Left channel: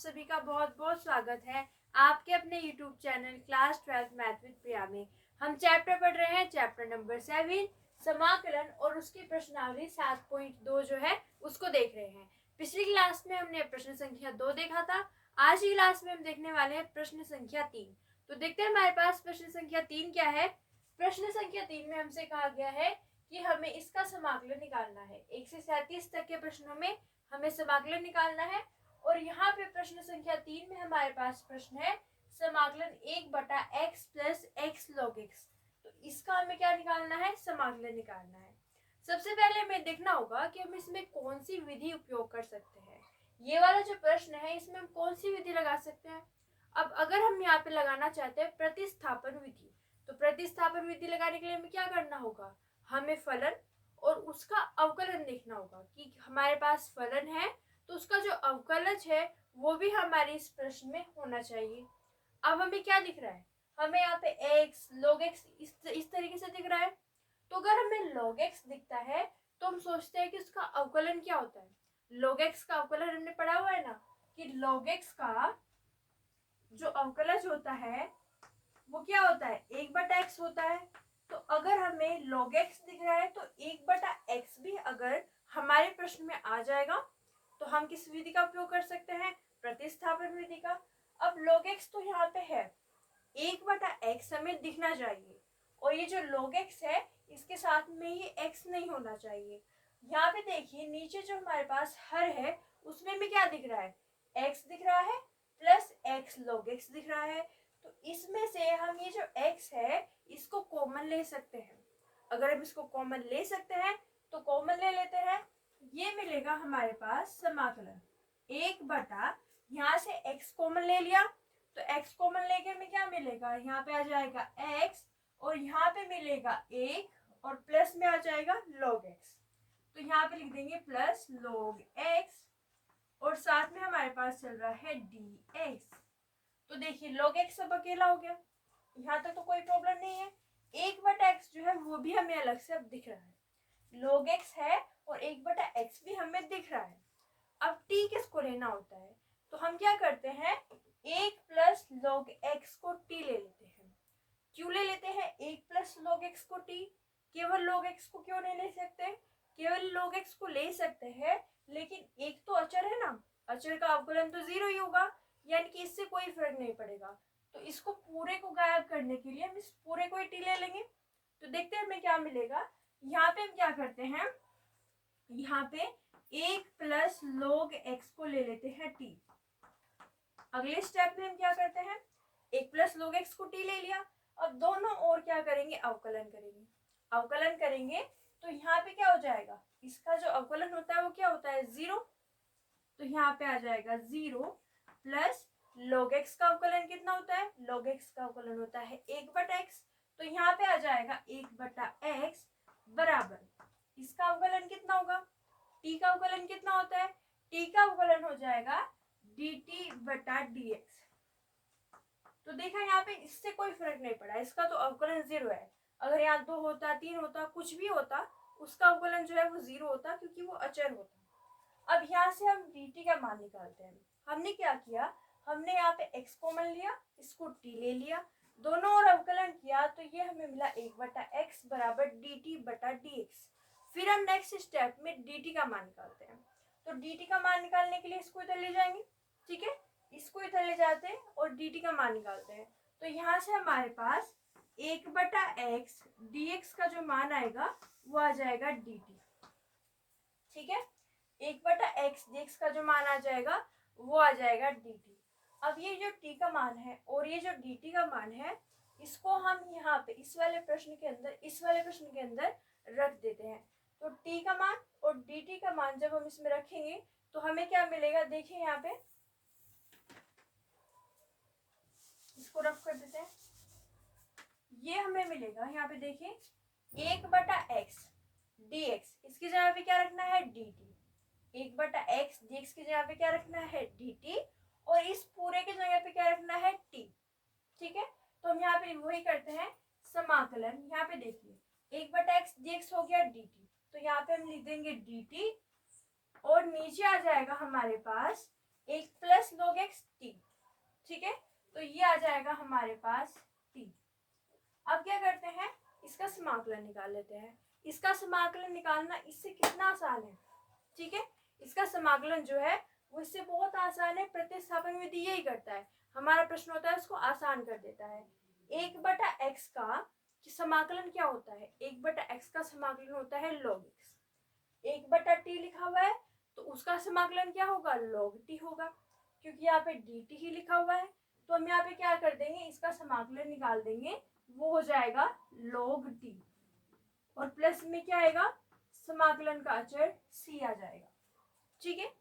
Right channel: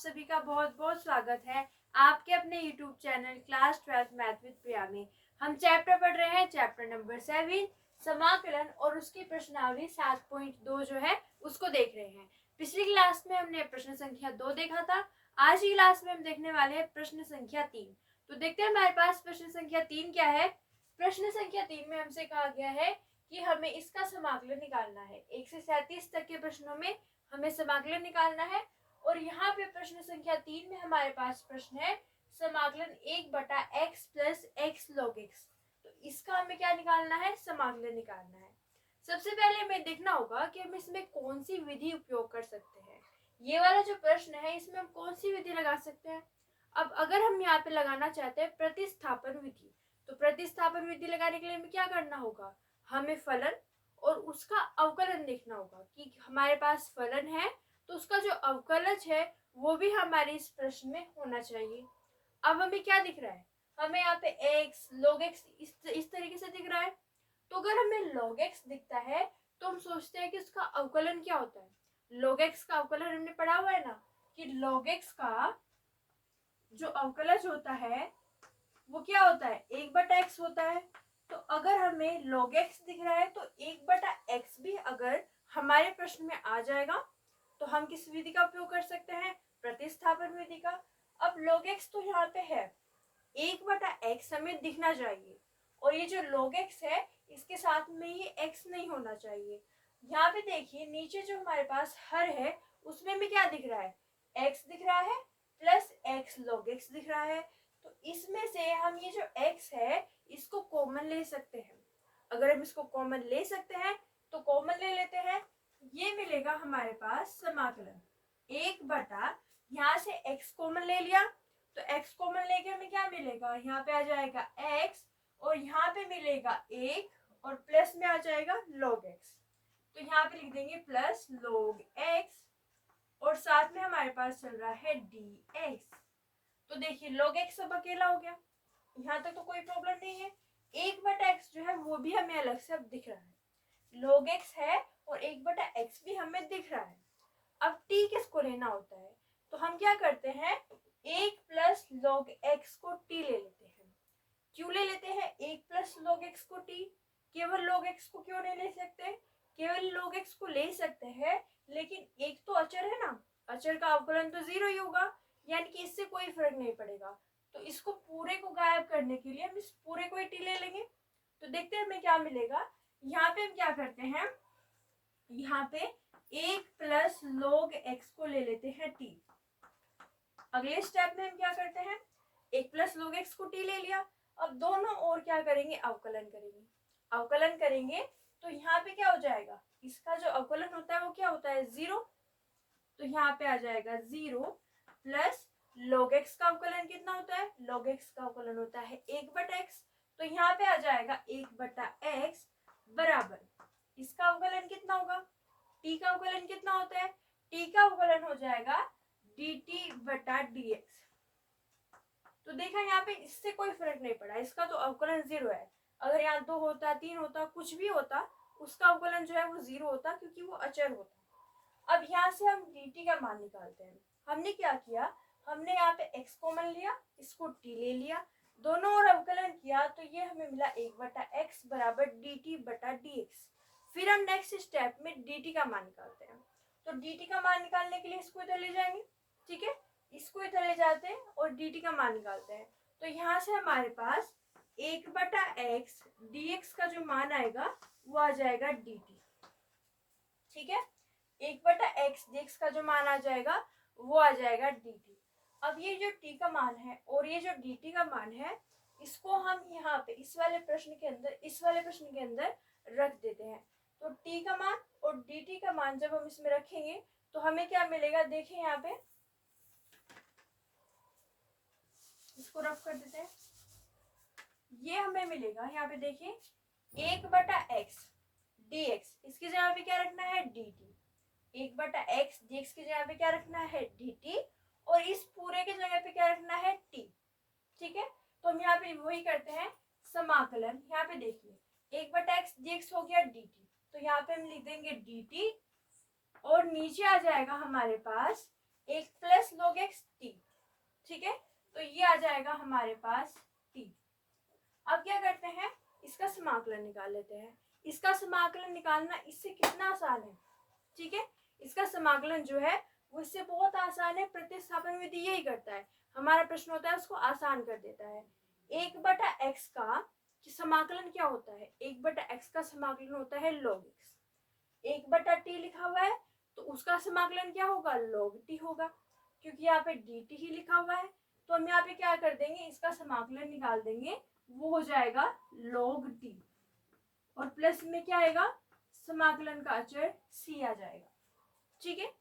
सभी का बहुत बहुत स्वागत है आपके अपने YouTube channel class 12 math with Priya में। हम चैप्टर पढ़ रहे हैं, चैप्टर नंबर 7 समाकलन और उसकी प्रश्नावली 7.2 जो है उसको देख रहे हैं। पिछली क्लास में हमने प्रश्न संख्या 2 देखा था। आज की क्लास में हम देखने वाले हैं प्रश्न संख्या 3। तो देखते हैं हमारे पास प्रश्न संख्या 3 क्या है। प्रश्न संख्या 3 में हमसे कहा गया है कि हमें इसका समाकलन निकालना है। 1 से 37 तक के प्रश्नों में हमें समाकलन निकालना है। और यहाँ पे प्रश्न संख्या 3 में हमारे पास प्रश्न है समाकलन 1/x plus x log x। तो इसका हमें क्या निकालना है, समाकलन निकालना है। सबसे पहले हमें देखना होगा कि हम इसमें कौन सी विधि उपयोग कर सकते हैं। ये वाला जो प्रश्न है इसमें हम कौन सी विधि लगा सकते हैं। अब अगर हम यहाँ पे लगाना चाहते हैं प्रतिस्थापन विधि, तो प्रतिस्थापन विधि लगाने के लिए हमें क्या करना होगा, हमें फलन और उसका अवकलन देखना होगा कि हमारे पास फलन है तो उसका जो अवकलज है वो भी हमारे इस प्रश्न में होना चाहिए। अब हमें क्या दिख रहा है, हमें यहाँ पे x log x इस तरीके से दिख रहा है। तो अगर हमें log x दिखता है तो हम सोचते हैं कि उसका अवकलन क्या होता है। log x का अवकलन हमने पढ़ा हुआ है ना कि log x का जो अवकलज होता है वो क्या होता है, 1/x होता है। तो अगर हमें log x दिख रहा है तो 1/x भी अगर हमारे प्रश्न में आ जाएगा तो हम किस विधि का उपयोग कर सकते हैं, प्रतिस्थापन विधि का। अब log x तो यहाँ पे है, 1/x हमें दिखना चाहिए और ये जो log x है इसके साथ में ये x नहीं होना चाहिए। यहाँ पे देखिए नीचे जो हमारे पास हर है उसमें भी क्या दिख रहा है, x दिख रहा है प्लस x log x दिख रहा है। तो इसमें से हम ये जो x है इसको कॉमन ले सकते हैं। अगर हम इसको कॉमन ले सकते हैं तो कॉमन ले लेते हैं। ये मिलेगा हमारे पास समाकलन 1/, यहाँ से x कॉमन ले लिया तो x कॉमन लेके हमें क्या मिलेगा, यहाँ पे आ जाएगा x और यहाँ पे मिलेगा 1 और प्लस में आ जाएगा log x। तो यहाँ पे लिख देंगे प्लस log x और साथ में हमारे पास चल रहा है dx। तो देखिए log x सब अकेला हो गया, यहाँ तक तो कोई प्रॉब्लम नहीं है। 1/x जो है वो भी हमें अलग से अब दिख रहा है, log x है और 1/x भी हमें दिख रहा है। अब t किसको लेना होता है तो हम क्या करते हैं, 1 प्लस log x को t ले लेते हैं। क्यों ले लेते हैं 1 प्लस log x को t, केवल log x को क्यों नहीं ले सकते, केवल log x को ले सकते हैं लेकिन एक तो अचर है ना, अचर का अवकलन तो 0 ही होगा, यानी कि इससे कोई फर्क नहीं पड़ेगा। तो इसको पूरे को गायब करने के लिए हम इस पूरे को ही t ले लेंगे। तो देखते हैं हमें क्या मिलेगा। यहाँ पे हम क्या करते हैं, यहाँ पे 1 प्लस log x को ले लेते हैं t। अगले स्टेप में हम क्या करते हैं, 1 प्लस log x को t ले लिया। अब दोनों और क्या करेंगे, अवकलन करेंगे। अवकलन करेंगे तो यहाँ पे क्या हो जाएगा, इसका जो अवकलन होता है वो क्या होता है, 0। तो यहाँ पे आ जाएगा 0 प्लस log x का अवकलन कितना होता है, log x का अवकलन होता है 1/x। तो यहाँ पे आ जाएगा 1/x बराबर, इसका अवकलन कितना होगा, t का अवकलन कितना होता है, t का अवकलन हो जाएगा dt/dx। तो देखा यहाँ पे इससे कोई फर्क नहीं पड़ा, इसका तो अवकलन 0 है। अगर यहाँ 2 होता, 3 होता, कुछ भी होता, उसका अवकलन जो है वो 0 होता क्योंकि वो अचर होता। अब यहाँ से हम dt का मान निकालते हैं। हमने क्या किया, हमने यहाँ पे x कॉमन लिया, इसको t ले लिया, दोनों और अवकलन किया तो ये हमें मिला 1/x बराबर dt/dx। फिर हम नेक्स्ट स्टेप में dt का मान निकालते हैं। तो dt का मान निकालने के लिए इसको इधर ले जाएंगे, ठीक है, इसको इधर ले जाते हैं और dt का मान निकालते हैं। तो यहाँ से हमारे पास 1/x dx का जो मान आएगा वो आ जाएगा dt, ठीक है, 1/x dx का जो मान आ जाएगा वो आ जाएगा dt। अब ये जो t का मान है और ये जो dt का मान है इसको हम यहाँ पे इस वाले प्रश्न के अंदर रख देते हैं। तो t का मान और dt का मान जब हम इसमें रखेंगे तो हमें क्या मिलेगा, देखिए यहाँ पे इसको रफ कर देते हैं, ये हमें मिलेगा यहाँ पे देखिए 1/x dx, इसकी जगह पे क्या रखना है dt, 1/x dx की जगह पे क्या रखना है dt और इस पूरे की जगह पे क्या रखना है t, ठीक है। तो हम यहाँ पे वही करते हैं समाकलन, यहाँ पे देखिए 1/x dx हो गया dt, तो यहाँ पे हम लिख देंगे dt और नीचे आ जाएगा हमारे पास 1 प्लस log x t। ठीक है, तो ये आ जाएगा हमारे पास t। अब क्या करते हैं, इसका समाकलन निकाल लेते हैं। इसका समाकलन निकालना इससे कितना आसान है। ठीक है, इसका समाकलन जो है वो इससे बहुत आसान है। प्रतिस्थापन विधि यही करता है, हमारा प्रश्न होता है उसको आसान कर देता है। 1/x का समाकलन क्या होता है, 1/x का समाकलन होता है log x। 1/t लिखा हुआ है तो उसका समाकलन क्या होगा, log t होगा, क्योंकि यहाँ पे dt ही लिखा हुआ है। तो हम यहाँ पे क्या कर देंगे, इसका समाकलन निकाल देंगे, वो हो जाएगा log t, और प्लस में क्या आएगा, समाकलन का अचर c आ जाएगा। ठीक है,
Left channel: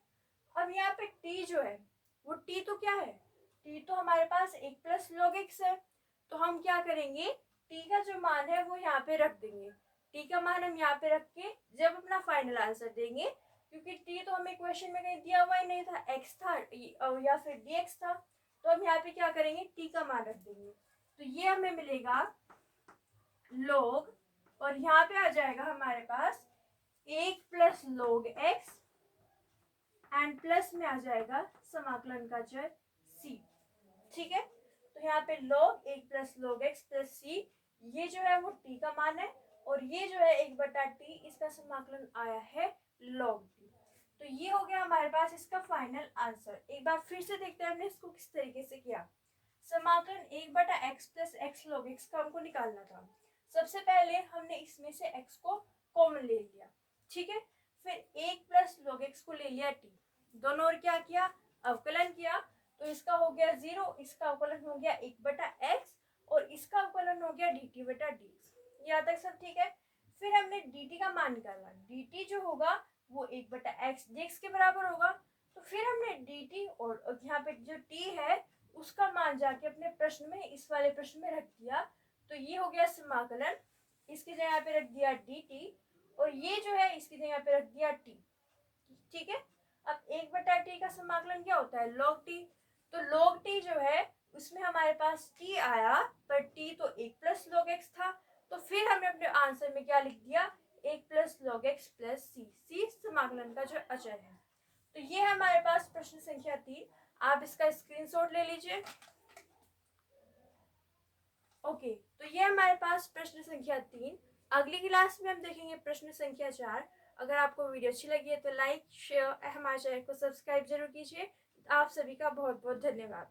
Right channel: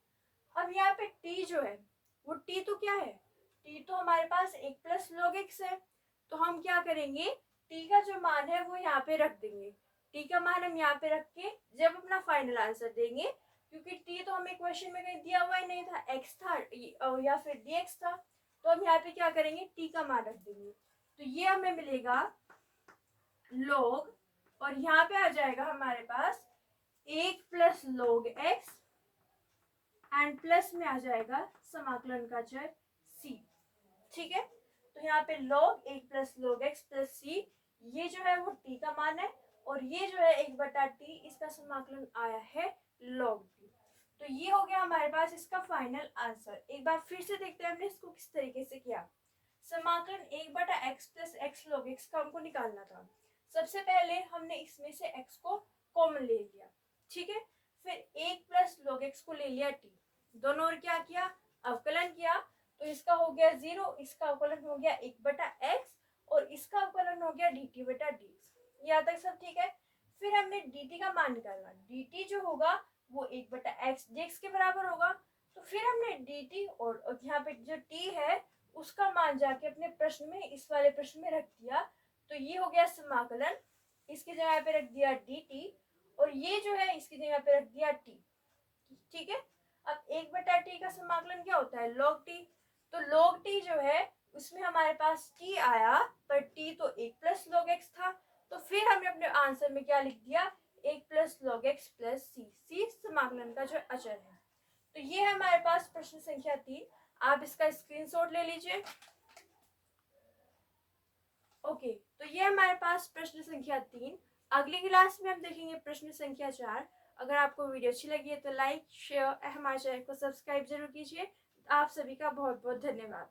अब यहाँ पे t जो है वो t तो क्या है, t तो हमारे पास 1 + log x है। तो हम क्या करेंगे, t का जो मान है वो यहाँ पे रख देंगे। t का मान हम यहाँ पे रख के जब अपना फाइनल आंसर देंगे, क्योंकि t तो हमें क्वेश्चन में कहीं दिया हुआ ही नहीं था, x था या फिर dx था, तो हम यहाँ पे क्या करेंगे, t का मान रख देंगे। तो ये हमें मिलेगा log, और यहाँ पे आ जाएगा हमारे पास 1 + log x एंड प्लस में आ जाएगा समाकलन का चर c। ठीक है, तो यहाँ पे log 1 + log x + c, ये जो है वो t का मान है, और ये जो है 1/t, इसका समाकलन आया है log t। तो ये हो गया हमारे पास इसका फाइनल आंसर। एक बार फिर से देखते हैं हमने इसको किस तरीके से किया। समाकलन 1/x + x log x का हमको निकालना था। सबसे पहले हमने इसमें से x को कॉमन ले लिया। ठीक है, फिर 1 + log x को ले लिया t, दोनों और क्या किया, अवकलन किया, तो इसका हो गया 0, इसका अवकलन हो गया 1/x, और इसका अवकलन हो गया dt/dx। यहाँ तक सब ठीक है। फिर हमने dt का मान निकालना, dt जो होगा वो 1/x dx के बराबर होगा। तो फिर हमने dt और यहाँ पे जो t है उसका मान जाके अपने प्रश्न में, इस वाले प्रश्न में रख दिया। तो ये हो गया समाकलन, इसकी जगह पे रख दिया dt, और ये जो है इसकी जगह पे रख दिया t। ठीक है, अब 1/t का समाकलन क्या होता है, log t। तो log t जो है उसमें हमारे पास t आया, पर t तो 1 + log x था, तो फिर हमने अपने आंसर में क्या लिख दिया, 1 + log x + c। c समाकलन का जो अचर है। तो ये है हमारे पास प्रश्न संख्या 3। आप इसका स्क्रीनशॉट ले लीजिए। ओके, तो ये हमारे पास प्रश्न संख्या 3। अगली क्लास में हम देखेंगे प्रश्न संख्या 4। अगर आपको वीडियो अच्छी लगी है तो लाइक, शेयर, हमारे चैनल को सब्सक्राइब जरूर कीजिए। आप सभी का बहुत बहुत धन्यवाद।